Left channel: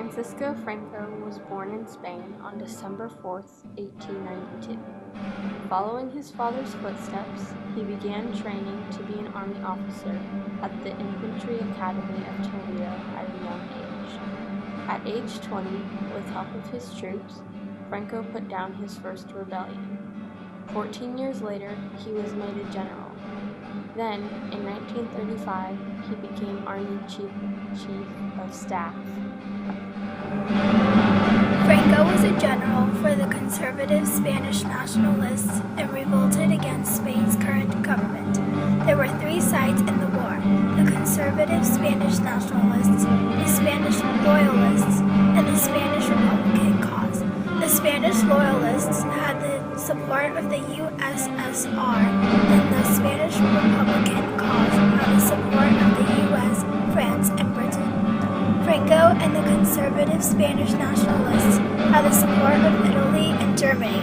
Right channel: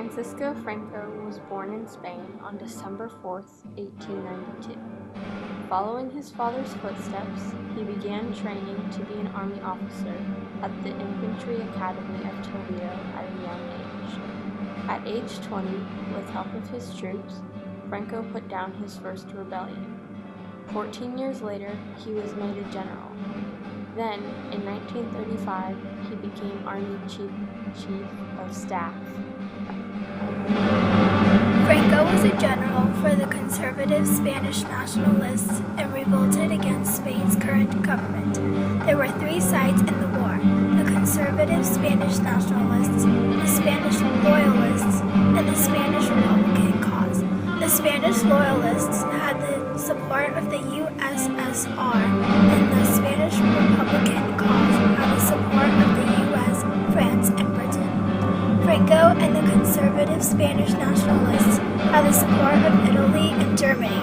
Francisco Franco was born in Spain on December 4, 1892. Following his father's footsteps, he began training to be an army officer at the Infantry Academy of Toledo at a young age. At age 20, with help of his troops, Franco put down his first rebellion. 14 years later, he was made a general. Then, in 1935, he became Army Chief of Staff. Franco was a general for the conservative Spanish nationalists and revolted against Spain's current government. There were three sides in the war: the conservative Spanish nationalists, the Spanish loyalists, and the Spanish Republican cause. The Spanish loyalists had the support of the USSR, and the Spanish Republican cause had the support of the US, France, and Britain. Franco and the conservative Spanish nationalists had the support of Italy and Germany.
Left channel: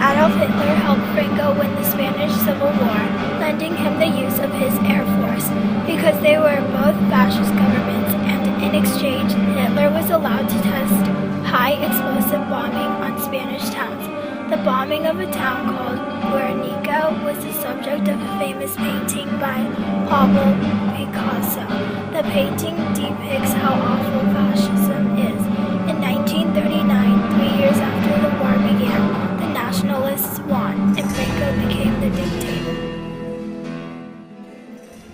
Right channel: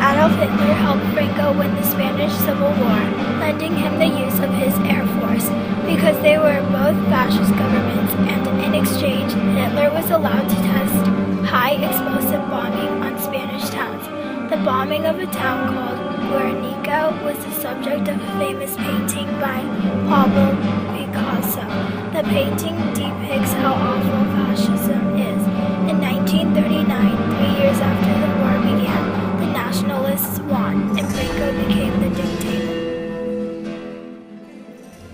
Adolf Hitler helped Franco win the Spanish Civil War, lending him the use of his air force, because they were both fascist governments, and in exchange, Hitler was allowed to test high-explosive bombing on Spanish towns. The bombing of a town called Guernica was the subject of a famous painting by Pablo Picasso. The painting depicts how awful fascism is. In 1939, 3 years after the war began, the nationalists won, and Franco became the dictator.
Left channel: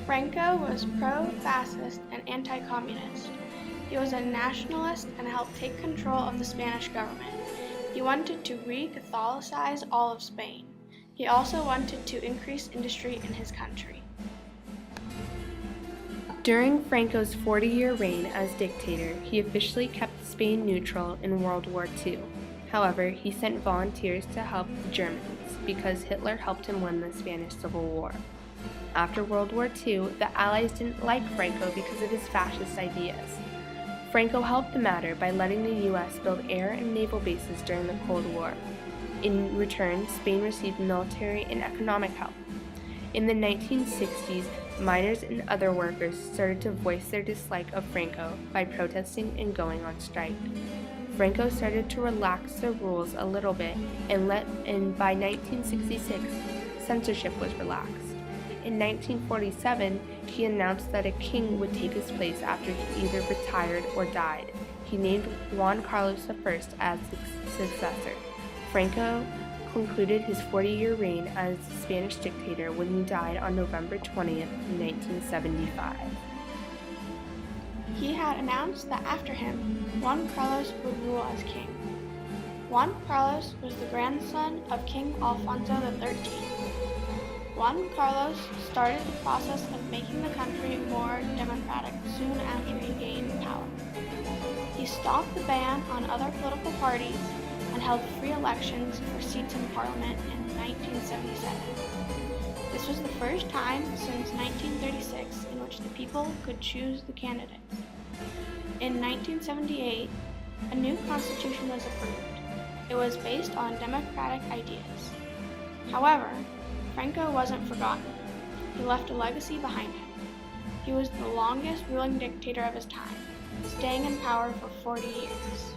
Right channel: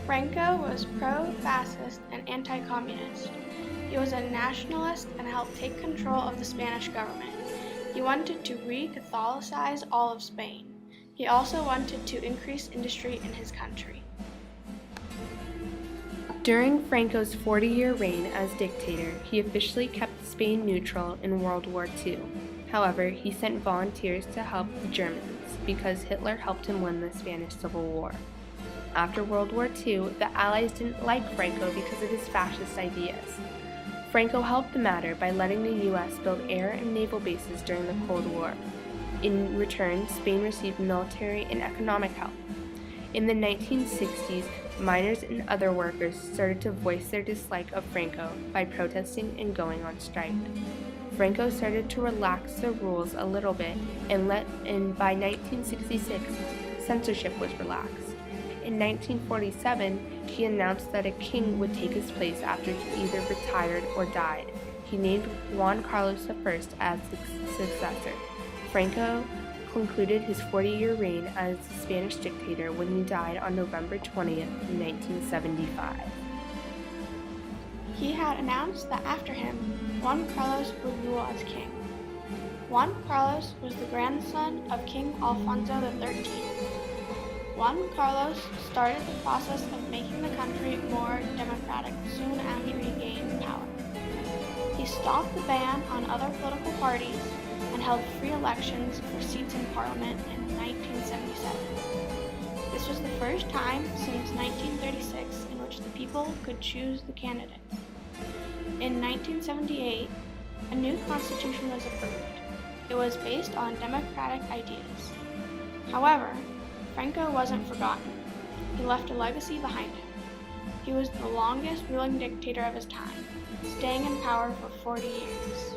Franco was pro-fascist and anti-communist. He was a nationalist and helped take control of the Spanish government. He wanted to re-Catholicize all of Spain. He also wanted to increase industry in his country. During Franco's 40-year reign as dictator, he officially kept Spain neutral in World War II. However, he sent volunteers to help the Germans because Hitler helped him win the Spanish Civil War. After World War II, the Allies didn't like Franco because of his fascist ideas. Franco helped the matter by letting the U.S. build air and naval bases during the Cold War. In return, Spain received military and economic help. In the 1960s, miners and other workers started to voice their dislike of Franco by protesting and going on strike. Franco started to relax the rules a little bit, and by 1966, censorship was relaxed. In 1947, he announced that a king would take his place after he either retired or died. He named Juan Carlos I as his successor. Franco concluded his 40-year reign as the Spanish dictator when he died on November 20th, 1975. He had announced that after him, Juan Carlos would rule as king. Juan Carlos was the grandson of King Alfonso XIII. Juan Carlos started the process of making the country more democratic soon after he gained power. He stopped the ban on other political parties and held free elections for seats in Parliament in 1977. This was the first time since 1936 in which the people could choose the candidates. In 1978, a new constitution was approved. It was based on democratic ideas. However, Franco wasn't forgotten. He left a legacy behind him. He was the longest ruling dictator of his time, staying in power for 40 years.